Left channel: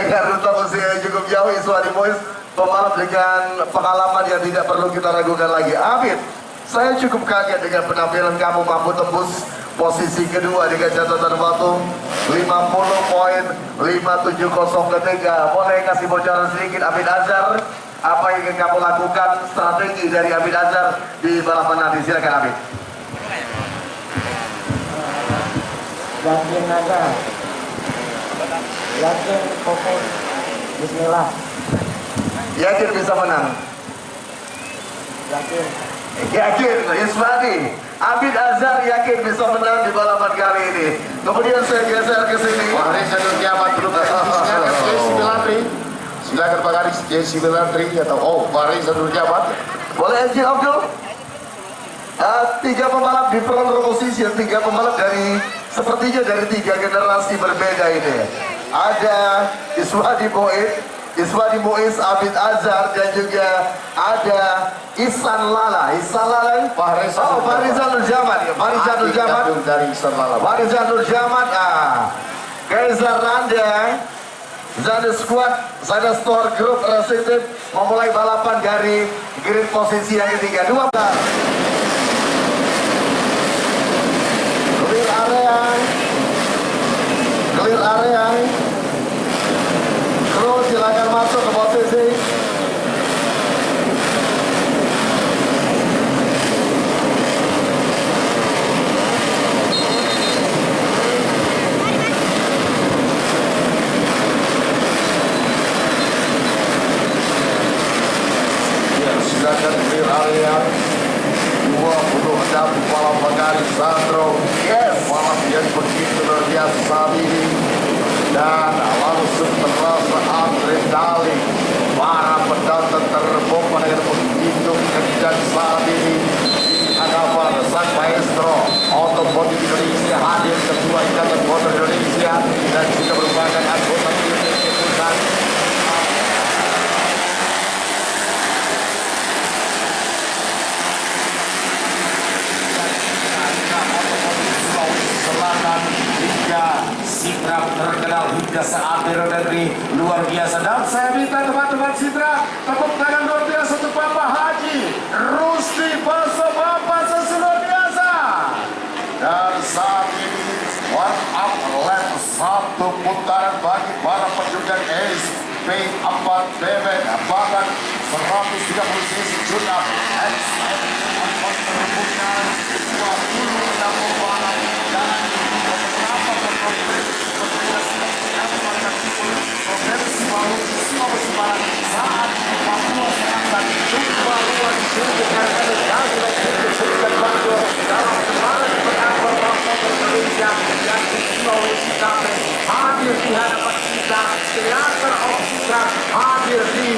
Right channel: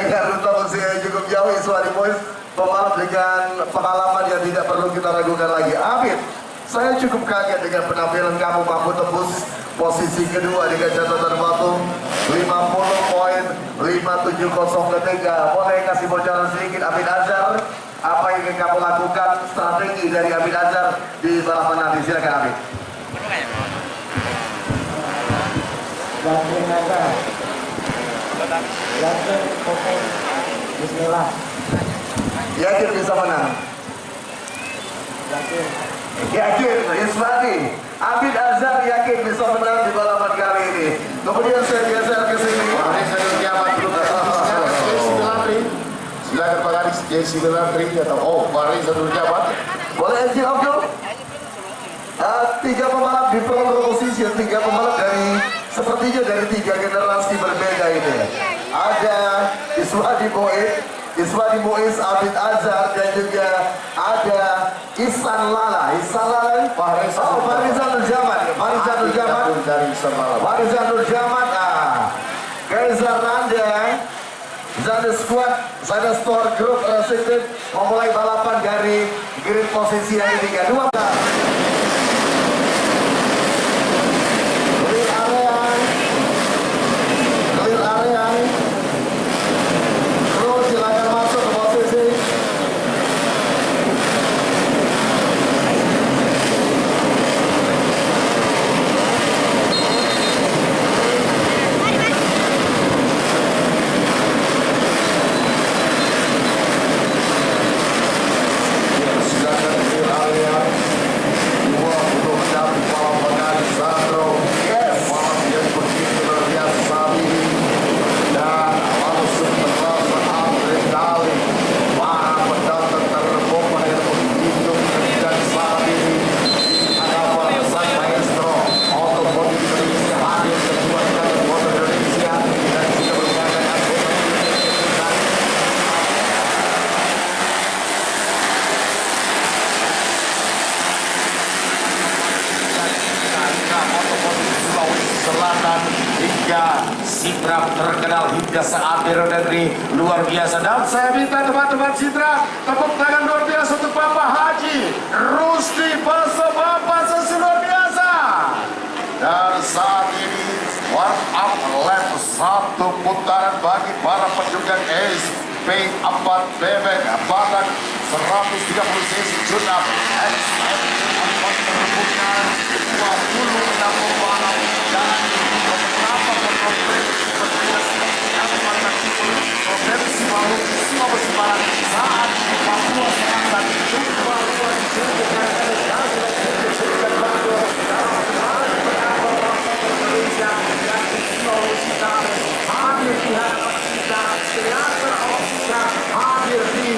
dengan rute usia yang cukup jauh. Iswadi Boys, pembalap dengan pengalaman yang tidak perlu kita ragukan lagi. Abid, saya cukup kaget dengan penampilan kamu mampu tembus posisi kedua dengan catatan waktu 50.570 ketika. Boleh kasih bocoran sedikit Abid Azhar, apa yang ingin kamu lakukan, strategi dari Abid Azhar di balapan nanti? Silakan Abid. Yakin aja, yakin fokus, bismillah. Yakin bisa menang? Yakin, Iswadi. Abid Azhar yakin bisa menang di balapan kali ini. Kemudian saya geser ke sini. Fareza Nur Jamat belum Jesse Belandri. Silakan Pak Garis, Jesse Belandri atau Fareza Nur Jamat. Boleh Eji Abdul? Tiga pembalap di front row position, tiga pembalap dari sepertinya dari tiga generasi berbeda ini. Ada Iswadi Boys, Abid Azhar, dan juga ada Ihsan Lala. Fareza Nur Jamat. Dari Ihsan Lala. Fareza Nur Jamat. Kaiser Randa, Zada Squad, Zada Store Group Racing Team memulai balapan dari grid posisi yang ketiga. Clear area. Kru silakan masuk ke posisi. Silakan clear area. 26 malam pengari Sandro. Malam yang begitu luar biasa saat ini. Dan langsung terasa adrenalin. Para pendatang terbuka dengan begitu kencang saat ini. Hadapan sang maestro otomotif Indonesia hadir ketua Ikatan Motor Indonesia dan juga merupakan anggota pusat. Selatan hingga Sidrap terkenal hingga saat dari luar biasa. Dan saya minta teman-teman Sidrap tepuk tangan luar biasa untuk Bapak Haji Rusdi Baso, Bapak luar biasa. Dan saat ini one up lap, satu putaran bagi para penjugang SP4 bebek badan 130 cc Junap XM 4 terbuka 26 pembalap dan beberapa pembalap provinsi Palu, Sulawesi Barat saat di Papua Selatan jumpa luar biasa dan Bandung dalam kemarin berapa bangsa Indonesia dan Sulawesi Barat hadir di hadapan kita, teater kita hadir di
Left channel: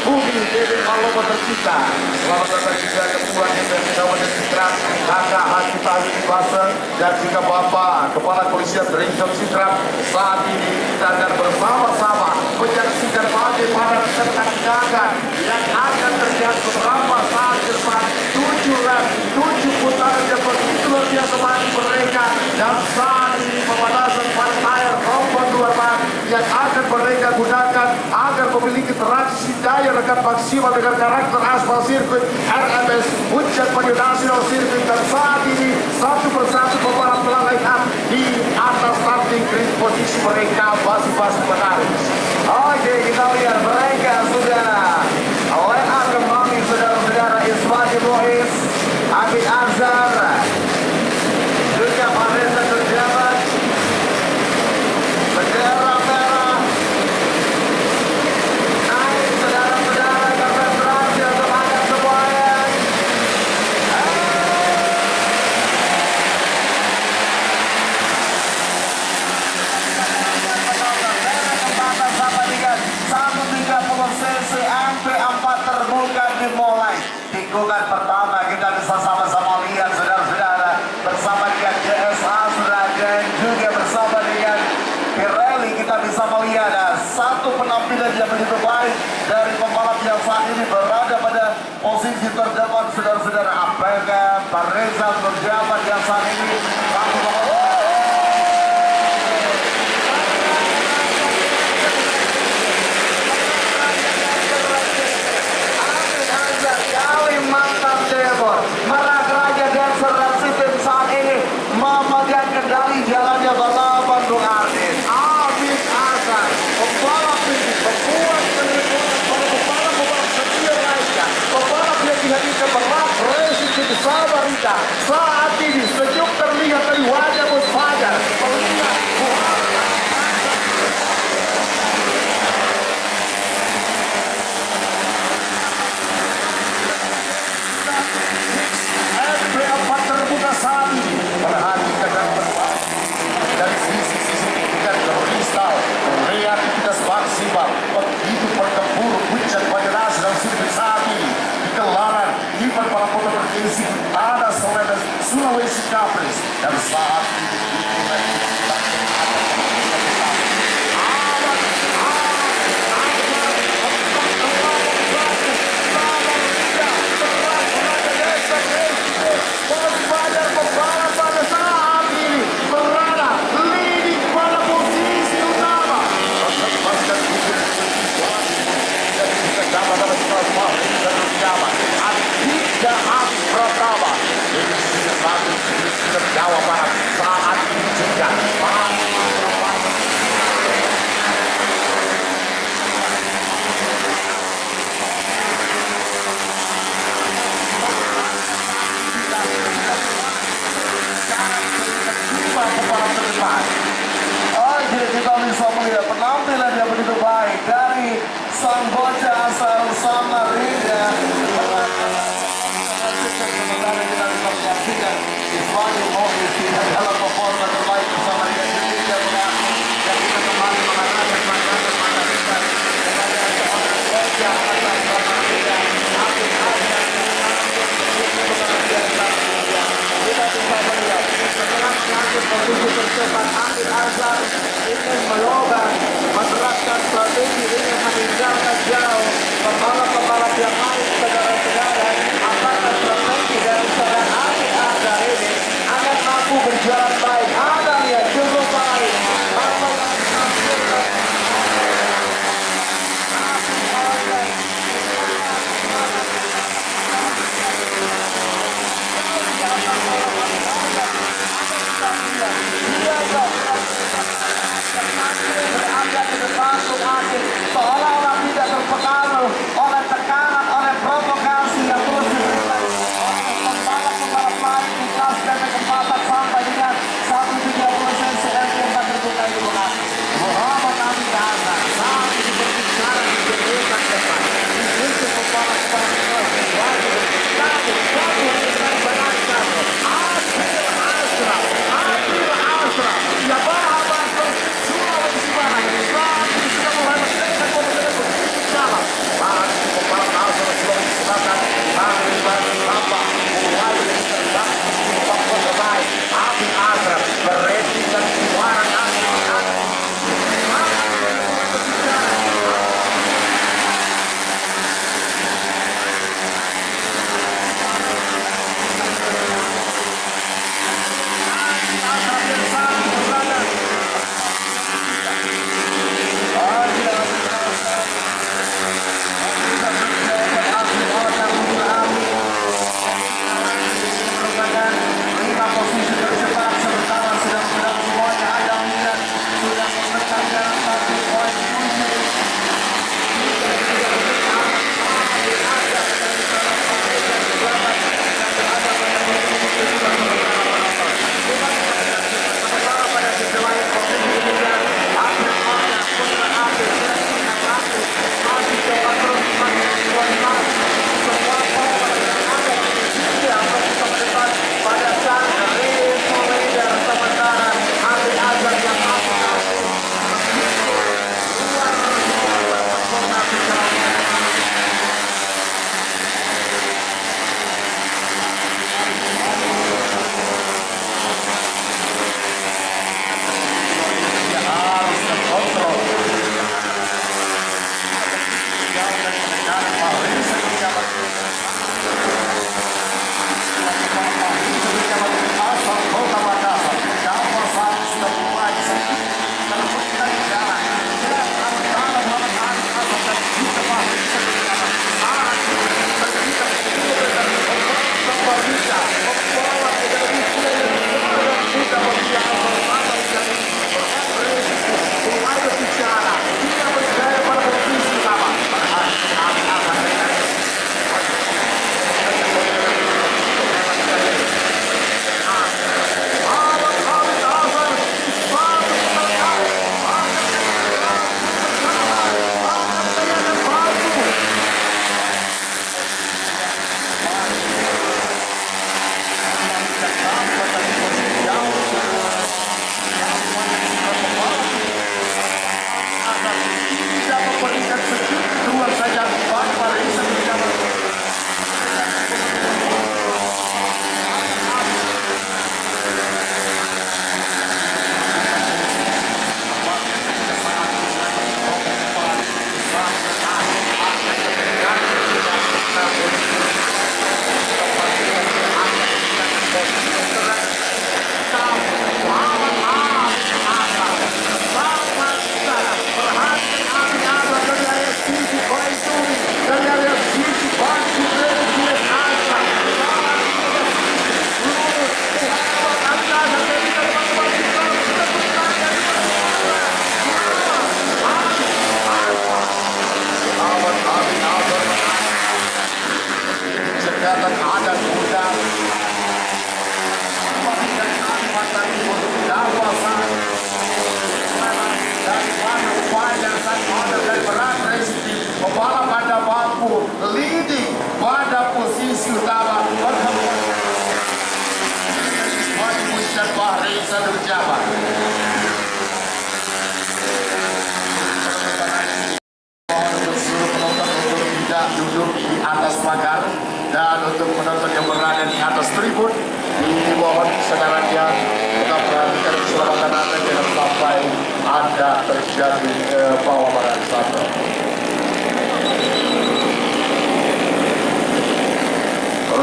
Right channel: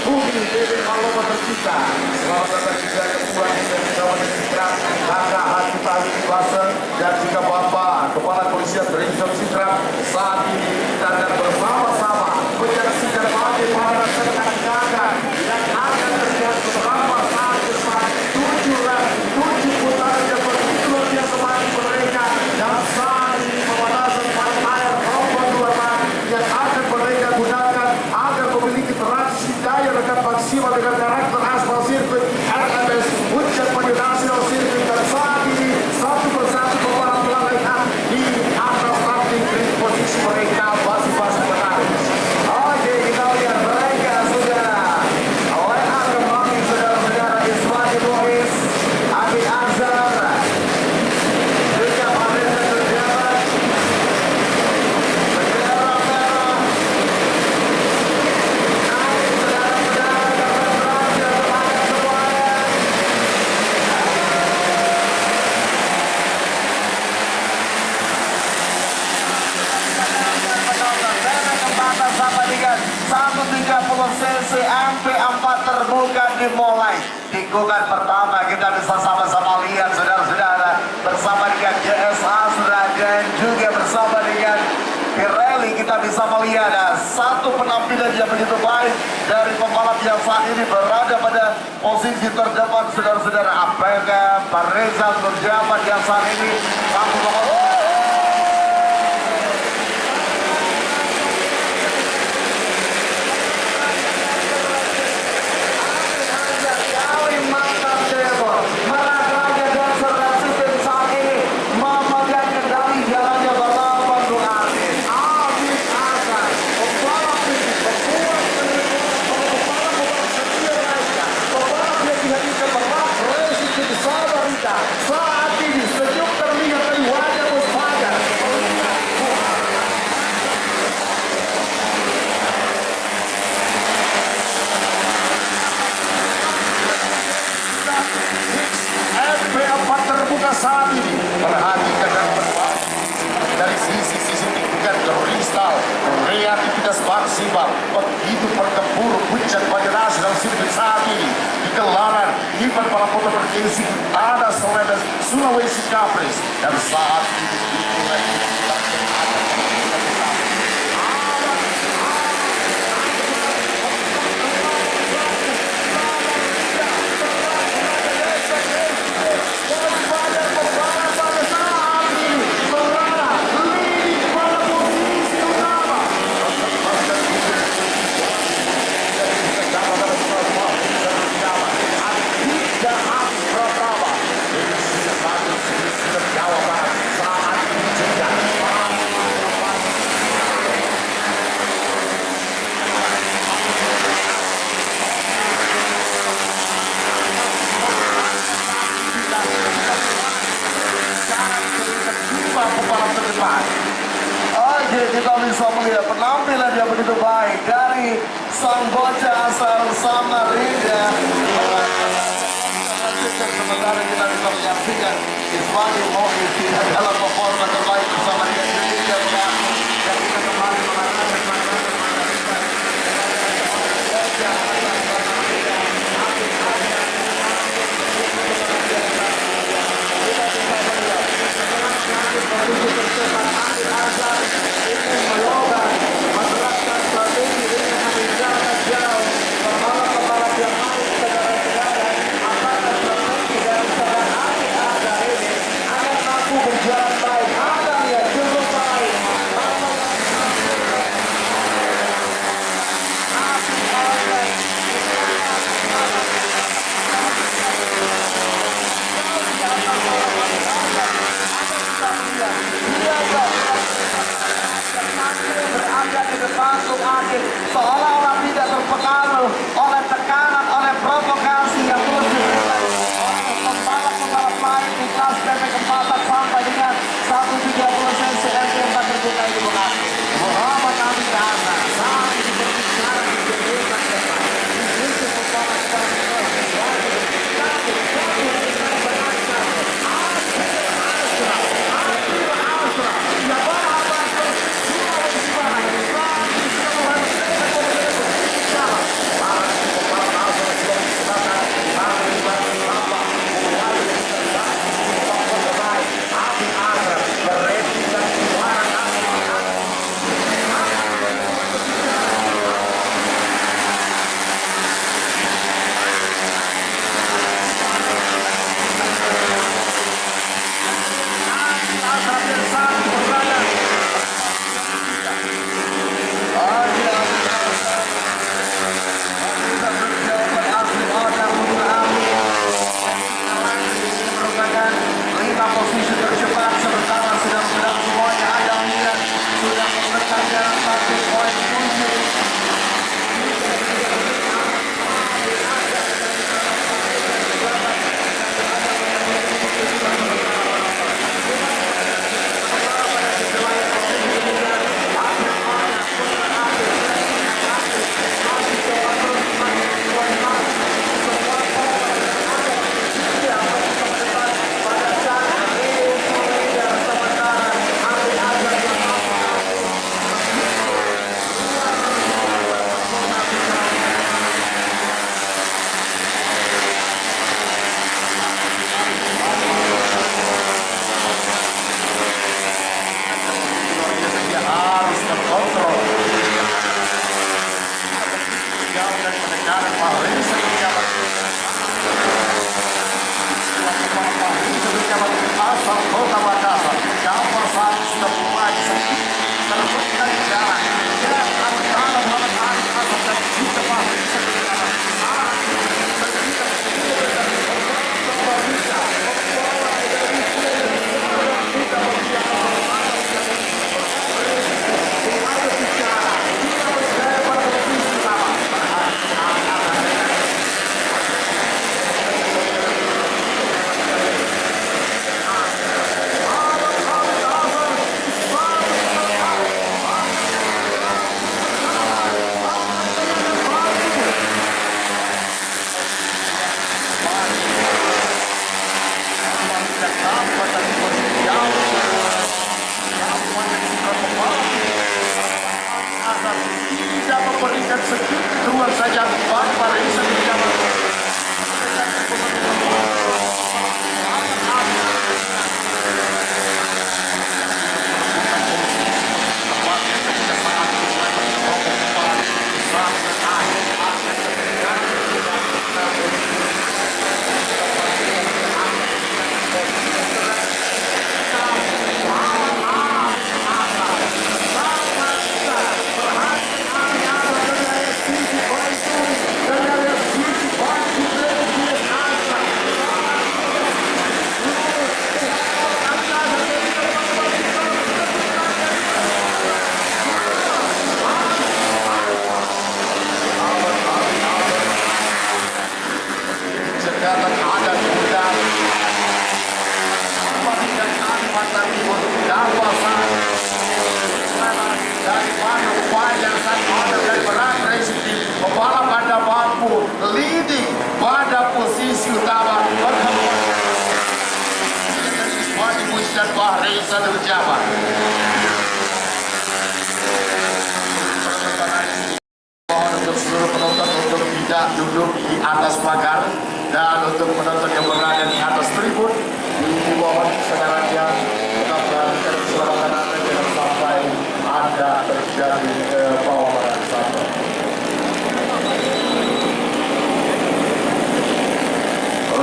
bumi Bebek Malopo tercipta. Selamat datang juga ketua SMP Kabupaten Sidrap, Kakak Haji Tali Basa dan juga Bapak Kepala Kepolisian Region Sidrap. Saat ini kita akan bersama-sama menyaksikan bagaimana rekan-rekan yang akan terjadi beberapa saat ke depan. 7 putaran yang begitu luar biasa bagi mereka dan saat ini pemanasan air rombongan dua yang akan mereka gunakan agar memiliki traksi daya rekan maksimal dengan karakter aspal sirkuit RMS Puncak Maju Nasional Sirkuit. Dan saat ini satu persatu pembalap telah line up di atas starting grid posisi mereka masing-masing menarik. Oke, kita lihat mereka sudah line up kembali saudara-saudara. Iswadi Boys, Abid Azhar, juga Fareza Nur Jamat, bendera merah. Naik saudara-saudara, konsentrasi semangat semuanya. Sama dengan 130 cc MP4 terbuka dimulai. Tikungan pertama kita bisa sama-sama lihat saudara-saudara bersama dengan JSA sudah dan juga bersama dengan Pirelli kita bisa melihat satu penampilan yang begitu baik dari pembalap yang saat ini berada pada posisi terdepan saudara-saudara. Apakah Fareza Nur Jamat yang saat ini mampu provinsi Tanah Selatan Sulawesi Kapres dan saat ini Jawa Barat saat ini juga pembalap terdepan. Oke, kita bisa melihat penampilan yang begitu baik dari sang bocah asal Samarinda. Sementara kita bisa menyaksikan Iswani Mohis dalam performa terbaik bersama dengan Indonesia mengaku dan kita kembali mengatakan posisi tercepat Amir Azhar ingin melonggar menerapkan strategi ingin meninggalkan jauh pembalap-pembalap yang main segala-segala. Apakah strategi dari seorang Amir Azhar ini akan mampu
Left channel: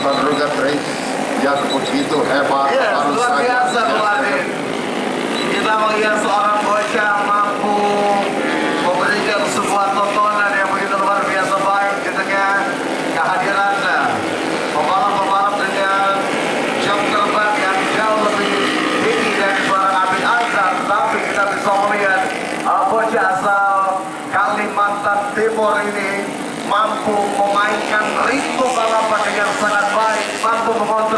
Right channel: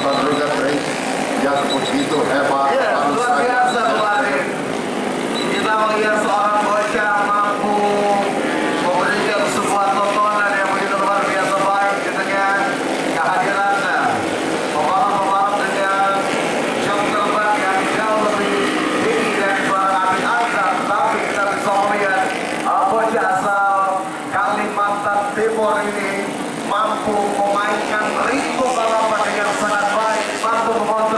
pertandingan race yang begitu hebat. Iya, Harus luar saja biasa kita pelatih. Kita melihat seorang bocah mampu memberikan sebuah tontonan yang begitu luar biasa baik di tengah kehadirannya. Pembalap-pembalap dengan jam terbang yang jauh lebih tinggi dari seorang Amin Azhar, tapi kita bisa melihat bocah asal Kalimantan Timur ini mampu memainkan ritme balapan dengan sangat baik, mampu mengontrol